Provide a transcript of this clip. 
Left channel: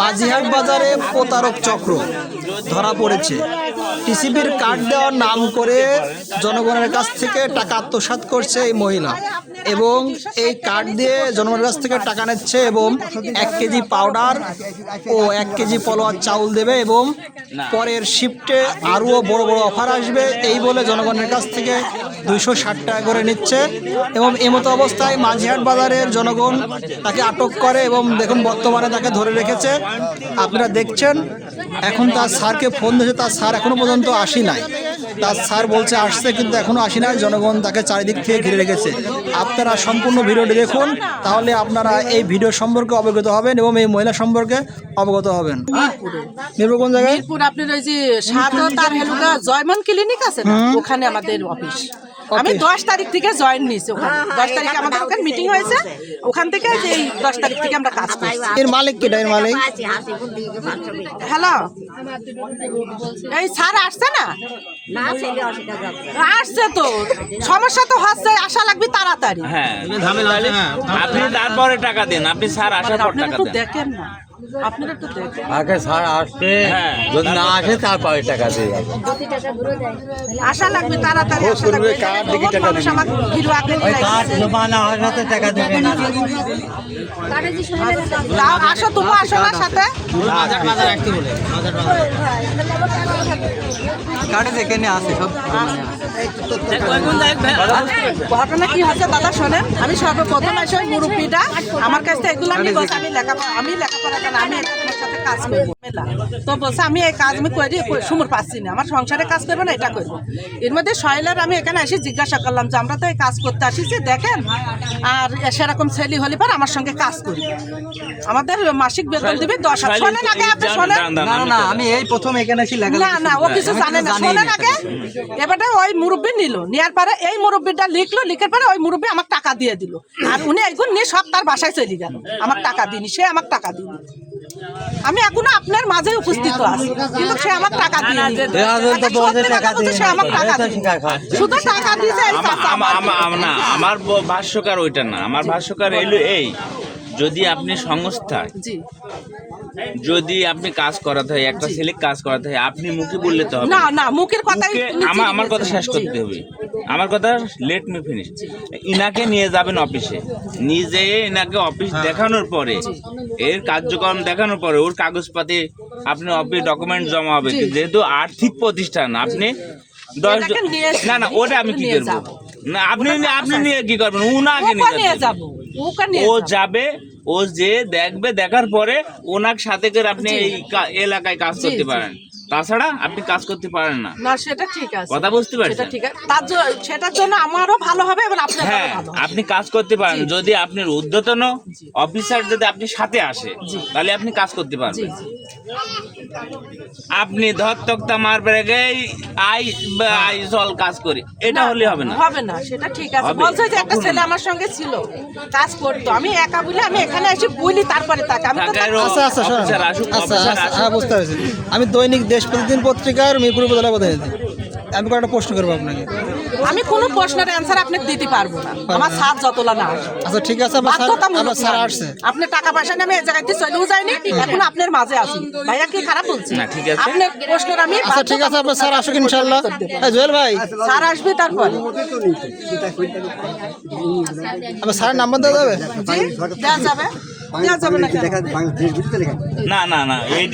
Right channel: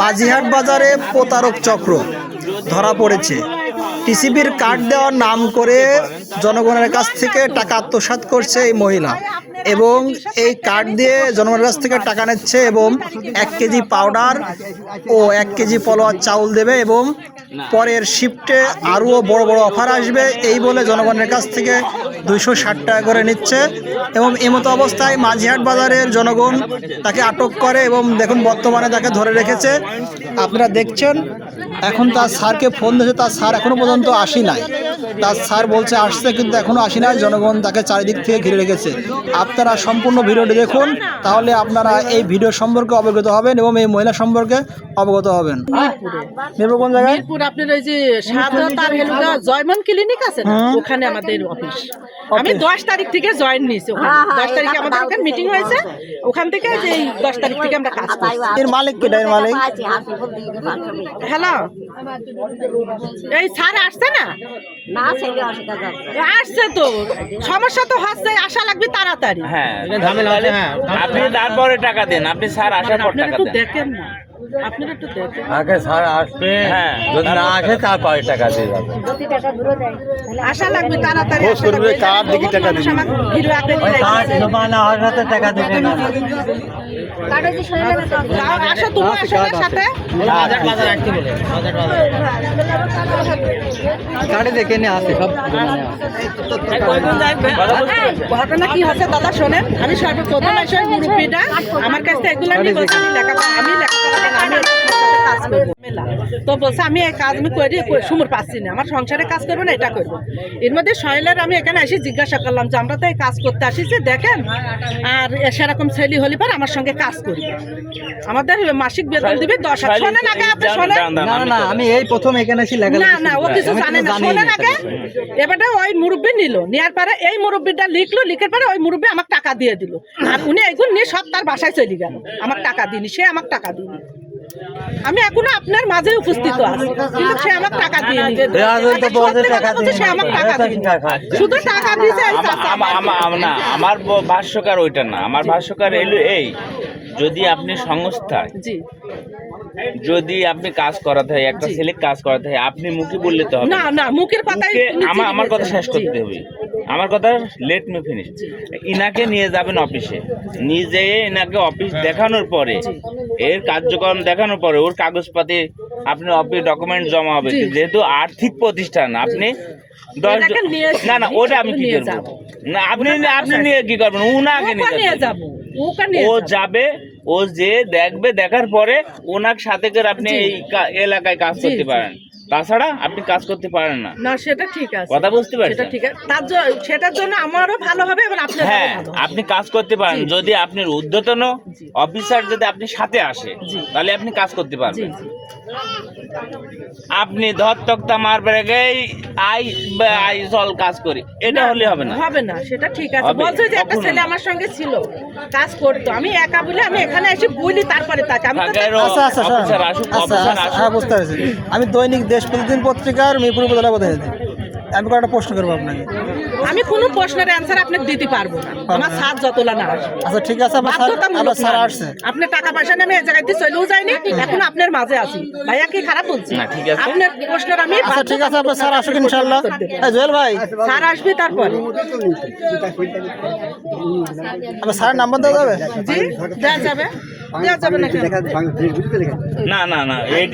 মাঝিহাট বাজারে প্রতারক চক্র ধরা পড়েছে। টিসিবির কার্ড দেওয়ার নাম করে জনগণের কাছ থেকে টাকা আত্মসাৎ করছে এই মহিলা, এবং এই কার্ড দিয়ে জনগণের কাছ থেকে টাকা নিচ্ছে এবং 1 কেজি পাউডার ও 1 কেজি পলোয়ার চাউল দেবে এবং পরের শিফটে আরও বড় বড় অফার আসবে এই বলে জনগণের কাছ থেকে 260 টাকা করে নিচ্ছে। এবং এমতো অবস্থায় মাঝিহাট বাজারের জনগণ তাকে আটক করে এবং দেখুন বর্তমানে তাকে ধরে রেখেছে। আপনারা দেখছেন এখন তার স্যারকে ফোন দিয়েছে, তার স্যার এখনও পর্যন্ত আসি নাই। তার স্যার বলছে আসছে কিন্তু এখনও আসি নাই। জনগণ তাকে চারিদিক থেকে ঘিরে রেখেছে। আপনারা সম্পূর্ণ ভিডিওটি দেখুন, তাহলে আপনারা এই ভিডিও সম্পর্কে অবগত হবেন এবং এই মহিলা সম্পর্কে অবগত হবেন। মিরপুর কোন জায়গায়? মিরপুর আপনার ওই যে সাদতার হেলুদা জয়মন ক্লিনিক আছে না, ওখানে আমাদের অফিস। আমি 10 তারিখ থেকে জয়েন নিয়েছি ওখানে। 10 তারিখে আমাদের ওখানে মিটিং হয়েছে, ওখান থেকে যে 10 তারিখ থেকে আমরা কাজ করছি। এর মালিক কেডা? এর মালিক হ্যালো, এই স্যার আসছে না? আসছে তো, সমস্যা তো হচ্ছে, আশা লাগবে তাড়াতাড়ি। হ্যাঁ, আপনি তারপরে টাকা দেন, আপনি স্যার আসার পর আপনারা টাকা একটু দেন। দেখেন না, আপনারা একটু দেখেন। আগে স্যার আসবে, হ্যাঁ। যদি না আসে তারপরে টাকা দিয়ে যাবে। আশা লাগবে তাড়াতাড়ি। খোঁজ করবে, কার্ড দেখি টাকা দিবি। ওই কার্ড জমা না হওয়ার সাথে টাকা দেবে না। আসো, তুমি আসো আমার সাথে। কার্ডে দেখে নিয়ে আসে সব। ঘটনা কি হচ্ছে দাদা শোনেন, আমি সর্বপ্রথম এসে মুরব্বীটা আমার কাছ থেকে এগুলো আমি বলছি, আমি লেখাপড়া আমি কাজ করবো মেলা। তো বলছে আমি এই কাজ আমি করি, সুমুর পাচ্ছি না, আমার সংসারে কাজ করবো না, এটা করবো। এর মধ্যে সহেলের আমি এখানে এসে জিজ্ঞাসা করলাম যে আমরা তো এই কাজ করতে আসিছি, দেখেন আর সেরকম ছেলে হলে পর আমার সঙ্গে কাজ করি, আমাদের মাসিক বেতন দিবি 10,000। শোনেন আগে, আপনি শোনেন। না না, আমি এই প্রথম এখানে এসে লেখা না না, ও কিছু জানে না, শোনেন আগে। এবারে ওই মুরব্বী নিল, নেওয়ার পরে এই মুরব্বীটা লিখলো, লিখার পরে ওই মুরব্বী আমার টাকা দিয়ে দিল। আর উনি এগুলো নিয়ে সব তার বাসায় চলে গেল, আমার টাকা দিনি, সে আমার টাকা দিনি। আমি এখনো আপনার মাঝে উপস্থিত আছি, কিন্তু সে আমার টাকা দিয়ে সে আমার টাকা দিয়ে শুধু টাকা দিয়েছে। না, আমার ভাষ্যকার ওইটা না, আমার ভাষ্যকার এলো এই, যদি আপনি সংস্থা, জি, যদি আপনি কাজ করাতে হয়, একটা ছেলে কাজ করাতে হয়, আপনি মুখে বললে তো হবে না না, মুখের কথাই আমার কথা শেষ করতে হবে। আমার কথা লেট মি ফিনিশ। ইনাকে নিয়ে যাবেন অফিসে, নিজে ইনাকে অফিস দেখানোর পরে, এর কার্যক্রম দেখানোর পরে ওর কাগজপাতি আপনি অফিস ডকুমেন্ট জমা হবে। যেহেতু আর্থিক প্রতিষ্ঠান, আপনি 10 না না, ওটা আমি কি করবো? না, আপনি নিয়ে কি করবেন? উনাকে নিয়ে যাবো, ও যাবে, ও যে দেখবে, দেখার পরে ওনার সাথে করে আপনি এই এলাকায় কাজ করতে পারেন, তাছাড়া আপনি কাজ করতে পারেন না। না, সেটা ঠিক আছে, কথা বুঝতে পারছেন? সেটা ঠিক আছে, সেটার জন্য আমারও ভালো হবে এবং আপনারও হ্যাঁ, ভালো হবে। আপনি কাজ করতে পারেন যদি আপনার ঊর্ধ্বতন অফিসার যদি আপনি সাথে আসে, তাহলে আপনি কাজ করতে পারবেন। আপনি ধর তক্তা মারবে আই চল কাজ করি, এটা হলে হবে না। হবে না, সেটা ঠিক আছে। বলছে যে একটা ছেলে আমার সঙ্গে ছিল, কাজ করতো, আমি একা বলে আমি এখানে এসে বলি, তারপরে তাকে আমি তো আচ্ছা আচ্ছা হ্যাঁ, বুঝতে পারছি। আমি দৈনিক দেশ প্রতিদিন পত্রিকার মিরপুর উপজেলা প্রতিনিধি। আমি কয়েকটা প্রশ্ন করবো আপনাকে। আমি কোনো প্রশ্নের অ্যান্সার আপনাকে দিতে পারবো না, আমার সাথ যতলা না আসে। আচ্ছা ঠিক আছে, বাধ্যতামূলক স্যার না। আসছে। আপনি টাকা পয়সা নেমে এই জায়গাতে চলেও যায়নি, এখন আপনার মাঝে আছি। ভাইয়া কি খারাপ বলছি? না, ঠিক আছে। আপনার প্রশ্নের আমি আচ্ছা ঠিক আছে, আপনার স্যার আসুক ইনশাল্লাহ। জুয়েল ভাই, স্যার আসবে তারপরে। আপনার স্যারের নাম্বার দেওয়া যাবে? জি, দেওয়া যাবে, দেওয়া যাবে না কেন? না না না, এই